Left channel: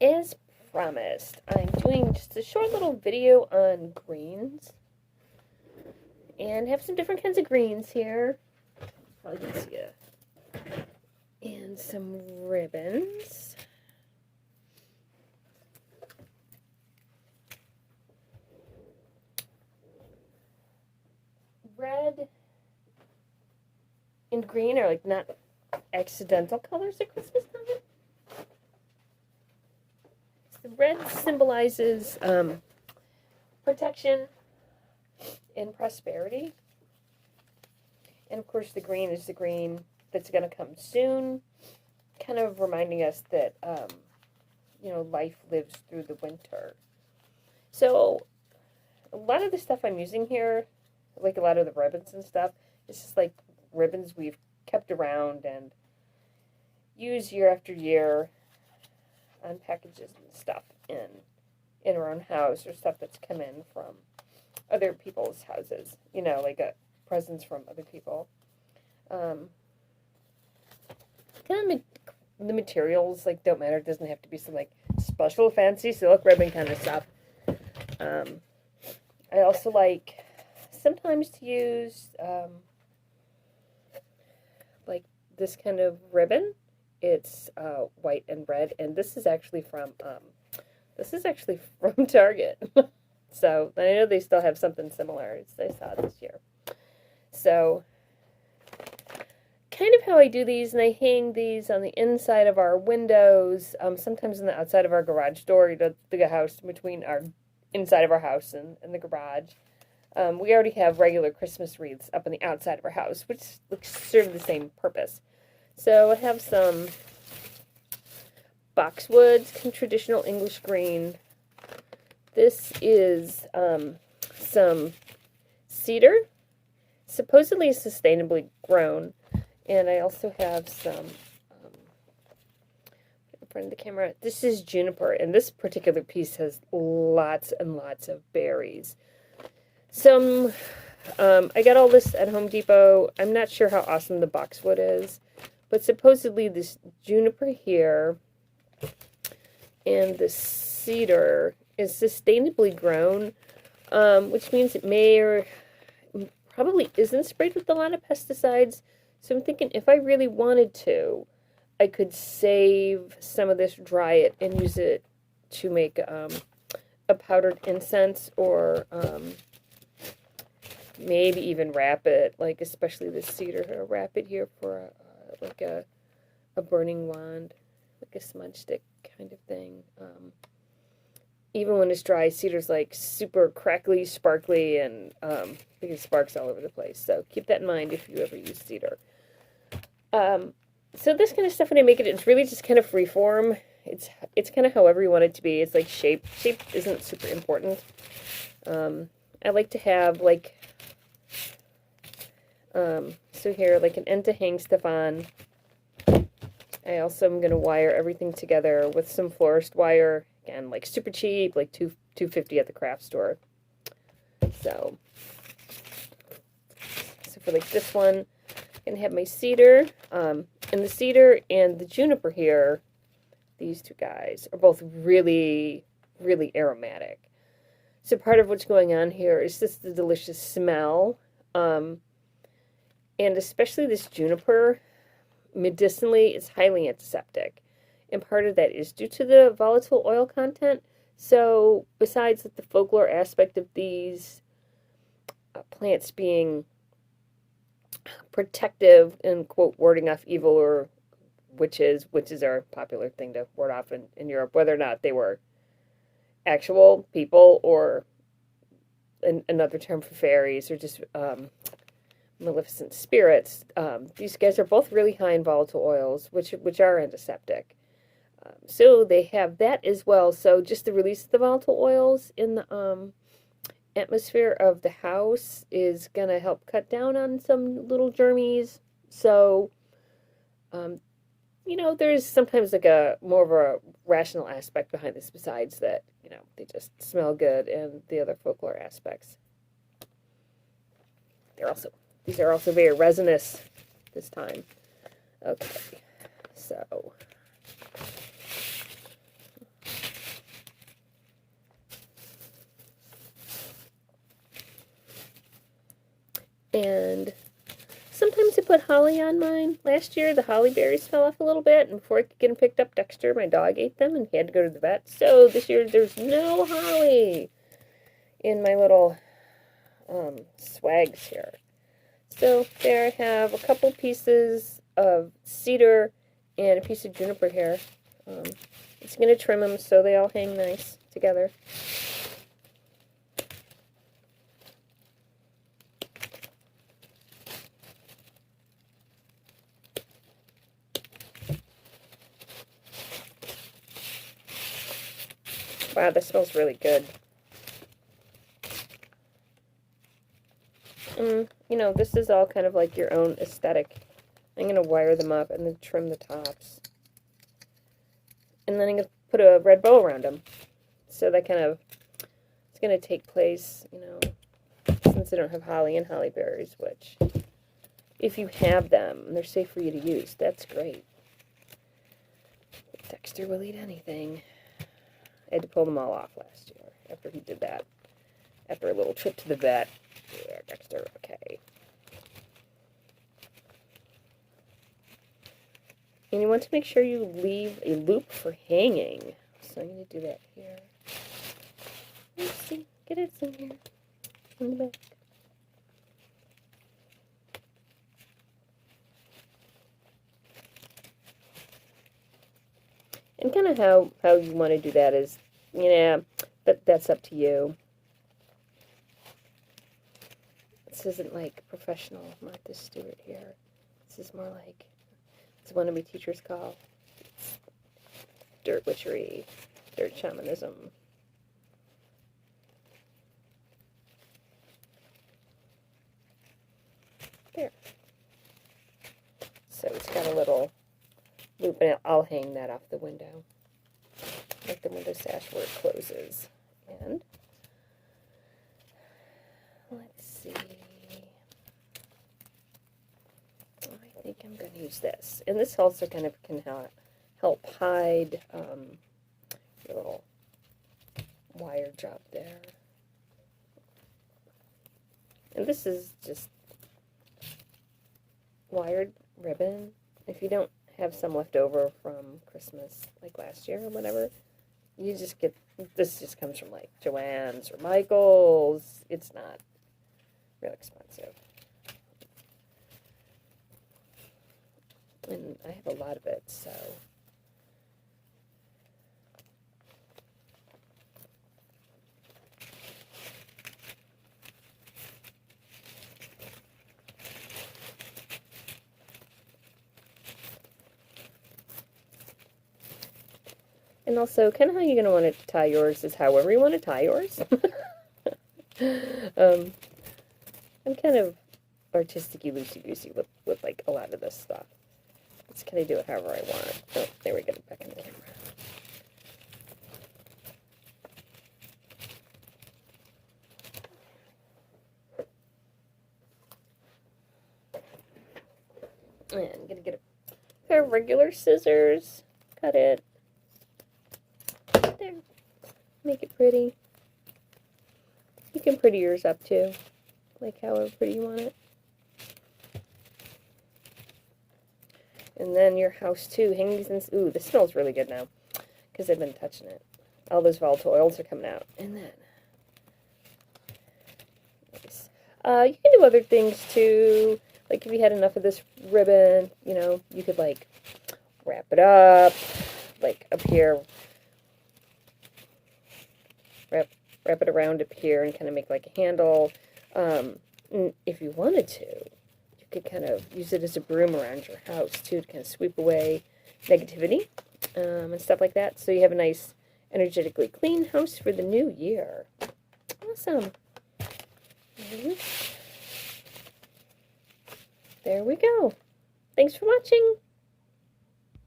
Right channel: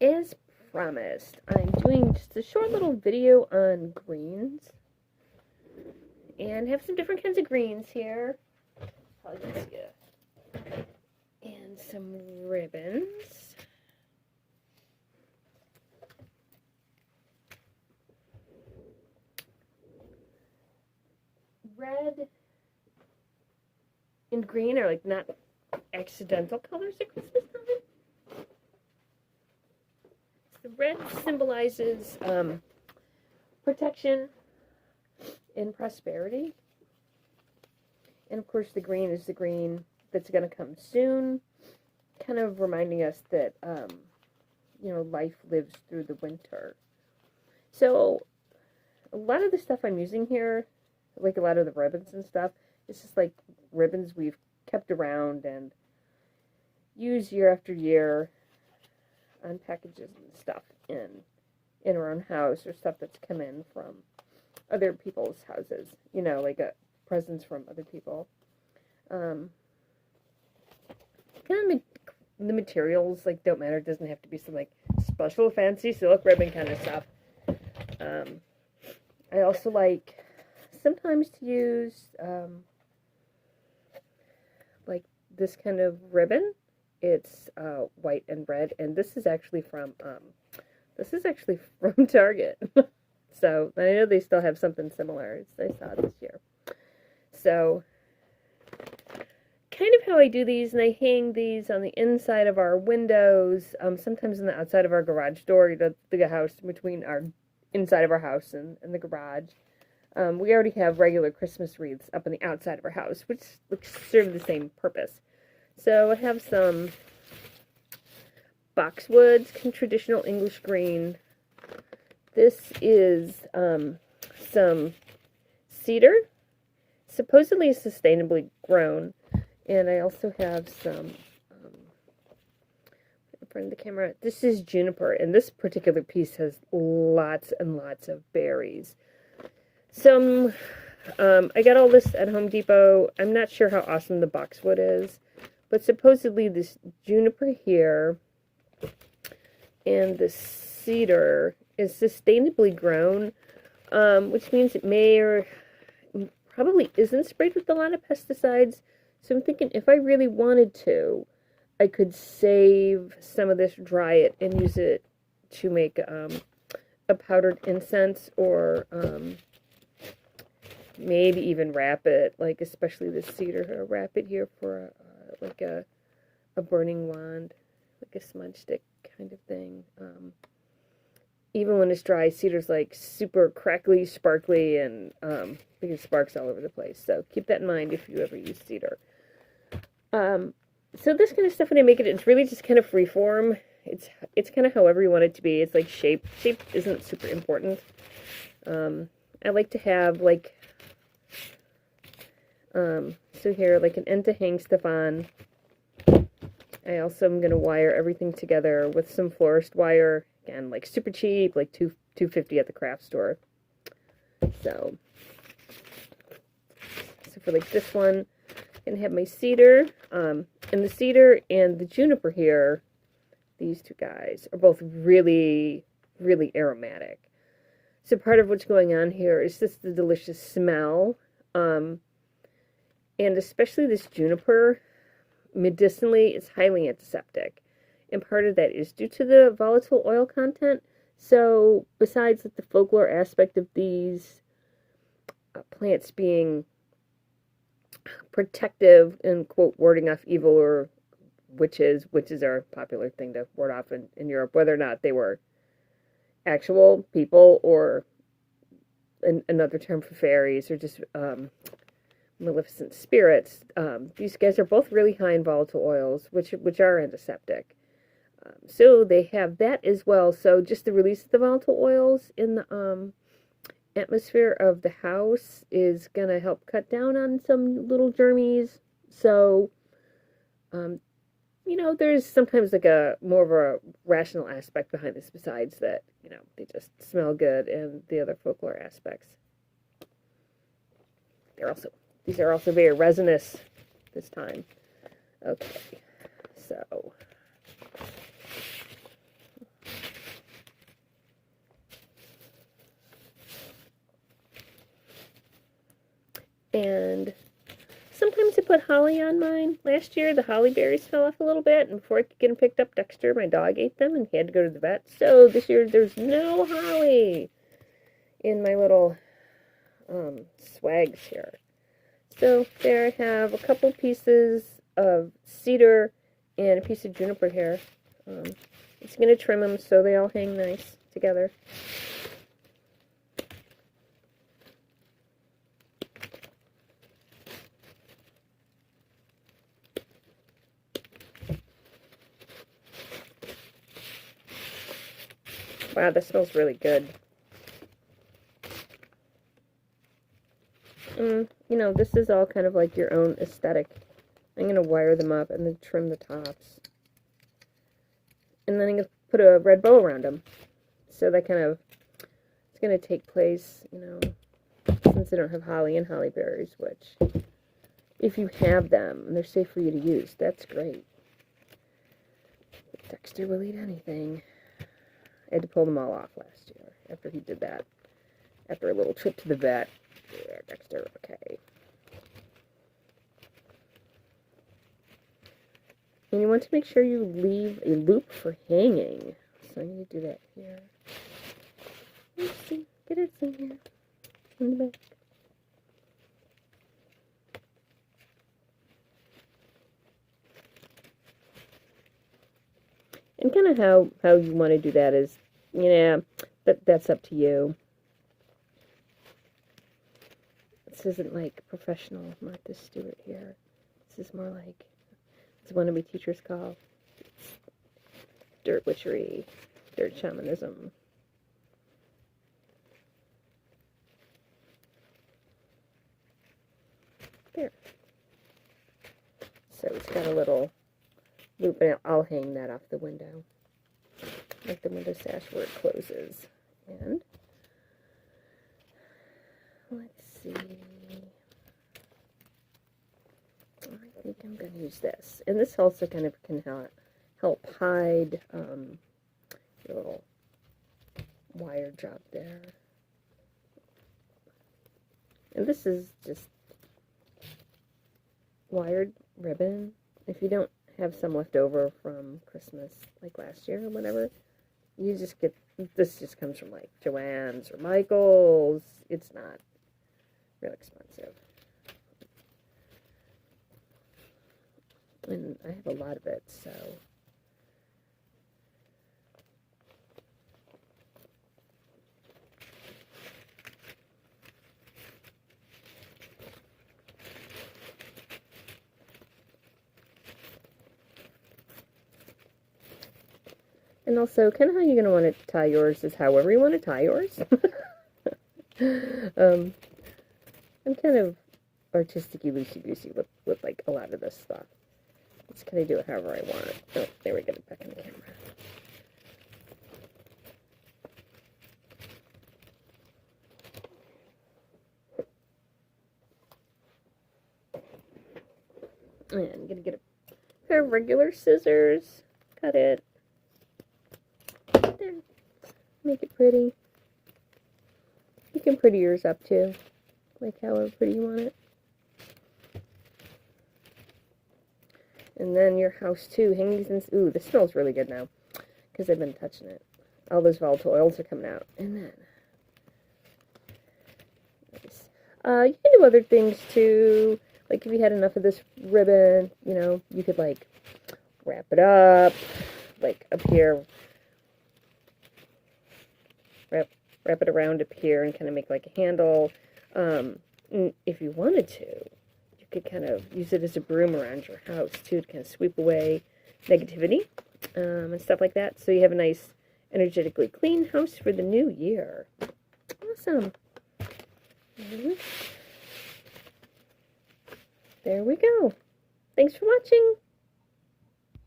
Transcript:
As promised, I'm doing just a short little video on greens. And have some different kinds of greens here. Probably can see it. And some ribbons. Red and green are like not accidental colors at Christmas time. The red symbolizes protection and prosperity. And of course the green is the green that's going to come soon, kind of reminding us that, life lives through the winter. So a lot of the stuff I'm using here, like a lot of the ribbons and stuff, is just like ribbons we've kept around and use year after year on packages and stuff in our own house, or stuff that's come in from other people's houses, like presents from other people. The materials don't matter. It doesn't have to be some special fancy silk ribbon kind of stuff. I also like sometimes to use this kind of ribbon. It's white and red, and this is actually from Target. So I know they still have something similar as I saw this year. So kind of how I do these, and I hang these on the inside of our windows, sometimes on the outside of our garage door, the big house between our inside of our house and the garage. We already have regular Christmas wreaths up on the outside of our house, which serve the same purpose. So I have some boxwood, some traditional English green. This is some cedar, supposedly sustainably grown. And I also have some, in front of the camera, this is juniper, and this particular piece has lots and lots of berries. I got all this at Home Depot. I'm not sure how awesome the boxwood is, but supposedly this juniper here and the cedar is sustainably grown, which means it may or probably isn't sprayed with a lot of pesticides. So I'm thinking if I really wanted to, I could save some of this, dry it, and use it to make a powdered incense, or maybe even wrap it, especially the cedar here, wrap it here for a burning wand, like a smudge stick kind of thing. Even when it's dry, cedar's super crackly, sparkly, and getting sparks all over the place. So keep that in mind if you ever use cedar. So this kind of stuff, when I make it, it's really just kind of free form. It's kind of however you want it to be. It's like shape. Shape isn't super important. I like to have so here, an end to hang stuff on. I also am going to wire everything together with some florist wire. Again, super cheap, $2.50 at the craft store. So for this one, I'm going to have my cedar, and the cedar and the juniper here, these two guys, are both really, really aromatic. So part of what's going on here is just the delicious smell, and especially this juniper, medicinally, is highly antiseptic. And part of that is due to the volatile oil content. So besides the folklore aspect of these plants being protective and, quote, warding off evil or witches are a popular thing to ward off in Europe, whether or not they were actual people or another term for fairies or just maleficent spirits. These guys are both really high in volatile oils, which are antiseptic. So they have that as well. So just the release of the volatile oils in the atmosphere of the house is going to help cut down on some little germies. So, there's sometimes a more of a rational aspect behind this, besides that, they just smell good and the other folklore aspects. These are also very resinous this time. Okay, so And sometimes I put holly on mine. Last year, the holly berries fell off a little bit, and before I could get them picked up, Dexter, my dog, ate them, and he had to go to the vet. So this year, there's no holly in my little swags here. So there I have a couple pieces of cedar and a piece of juniper here. It's going to trim them so they all hang nice together. Wow, this smells really good. You know, this is all kind of like your own aesthetic. I'm going to wire them up and then trim the tops. And then I'm going to put a red bow around them. So that kind of, it's going to take place, you know, since they don't have holly and holly berries, which, if you have them, they're safe for you to use. That's great. But Dexter will eat anything. I had to pull them all off last year after he did that. After a little trip to the vet. Yeah, Dexter, okay. And you want to make sure you leave a loop for hanging. So I'm going to do that here. Let's see. Get it in here. In the back. And kind of how you want to do that is, yeah, that's up to you. This isn't like professional Martha Stewart here. This is more like, it's one of my teachers call dirt witchery, dirt shamanism. There. So it's got a little loop, and I'll hang that off the window, like the window sash where it closes. And let's see. I think I'm going to use this. And this also kind of can help hide your little wire job there. And this is just wired ribbon. If you don't have some left over from Christmas, like last year or whatever, you just get, this just comes from like Joann's or Michael's. It's not real expensive. And I have a lot of it, so. And also, kind of how you're going to want to tie yours is however you want to tie yours. I'm kind of artistic-y, loosey-goosey with like a lot of this stuff. Just kind of do it however I want it. Oh, there we go, back in the camera. And I'm going to get a pair of regular scissors, cut it. There. Make it pretty. You can pretty yours up too, like however pretty you want it. And then your house too, hang these in, ooh, this smells really good now, because I've been touching it. All those volatile oils are coming out. And then, nice. You can do other things too, like if you had enough of this ribbon, you know, you could like wrap it up, like up here, wrap it around up here and kind of make like a handle. If you wanted to, you could kind of use it as a broom around your house too, to kind of sweep away negativity and stuff like that. So you have a nice, energetically clean house for the new year. Awesome. There we go. Thanks for watching.